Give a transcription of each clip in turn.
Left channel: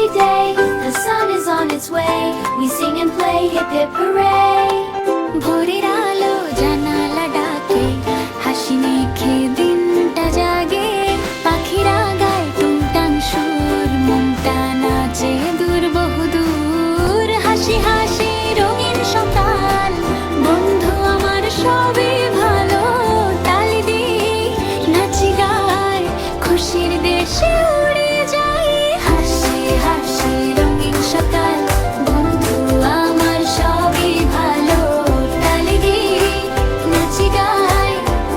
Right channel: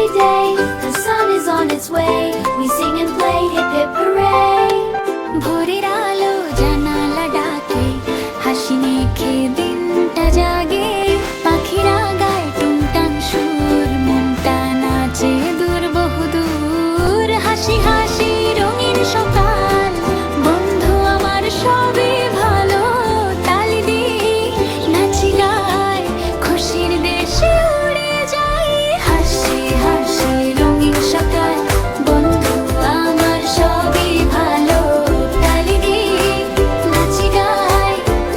lovely day. The sun is on its way. We sing and play, hip hip hooray. ভোরের আলো জানালা ডাকে, হাসি মেখে দিনটা জাগে। পাখিরা গায় টুংটাং সুর, মনটা নাচে দূর বহুদূর। হাসি হাসি রঙিন সকাল, বন্ধু আমার সবই ভালো। তালি দিই নাচি গায়, খুশির দেশে উড়ে যাই। হাসি হাসি রঙিন সকাল, বন্ধু আমার সবই ভালো। তালি দিই নাচি গাই,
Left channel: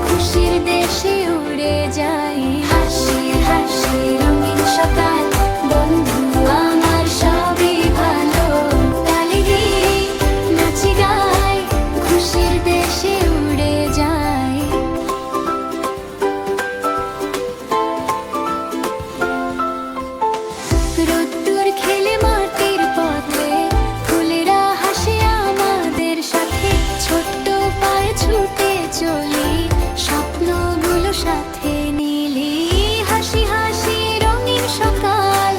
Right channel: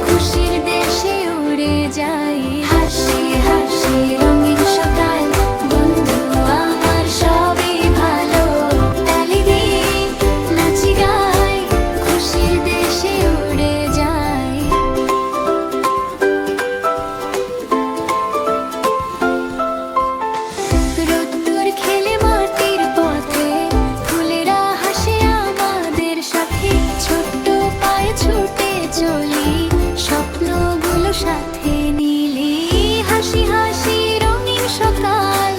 খুশির দেশে উড়ে যাই। হাসি হাসি রঙিন সকাল, বন্ধু আমার সবই ভালো। তালি দিই নাচি গাই, খুশির দেশে উড়ে যাই। রোদ্দুর খেলে মাটির পথে, ফুলেরা হাসে আমাদের সাথে। ছোট্ট পায়ে ছুটে চলি, স্বপ্নগুলো সাথে নিলি। হাসি হাসি রঙিন সকাল,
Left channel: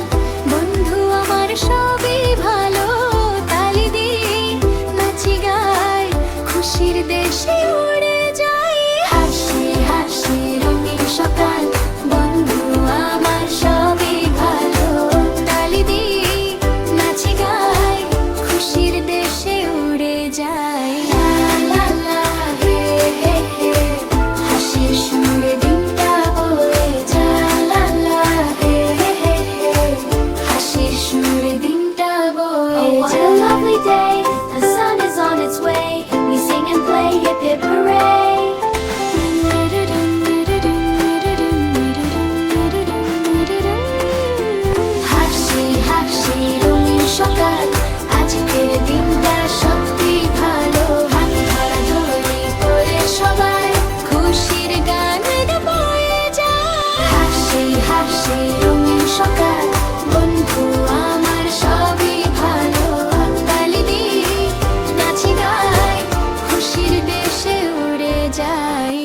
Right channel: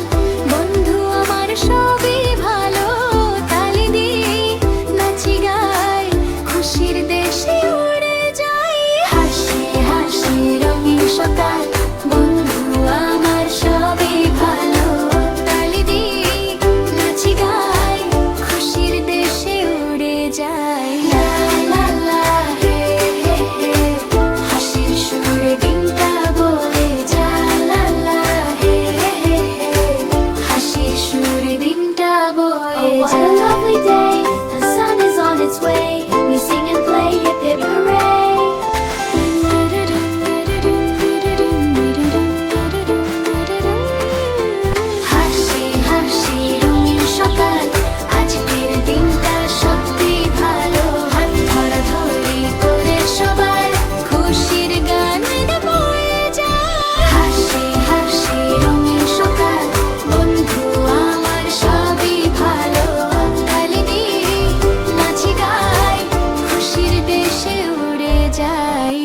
বন্ধু আমার সবই ভালো। তালি দিই নাচি গাই, খুশির দেশে উড়ে যাই। হাসি হাসি রঙিন সকাল, বন্ধু আমার সবই ভালো। তালি দিই নাচি গাই, খুশির দেশে উড়ে যাই। লা লা লা হে হে হে, হাসির সুরে দিনটা বয়ে যায়। লা লা হে হে হে, হাসির সুরে দিনটা বয়ে Oh, what a যায়। lovely day. The sun is on its way. We sing and play, hip hip hooray. হাসি হাসি রঙিন সকাল, আজকের দিনটা সত্যি ভালো। হাত ধরাধরি করে সবাই, খুশির গান বয়ে যায়। হাসি হাসি রঙিন সকাল, বন্ধু আমার সবই ভালো। তালি দিই নাচি গাই, খুশির দেশে উড়ে যাই।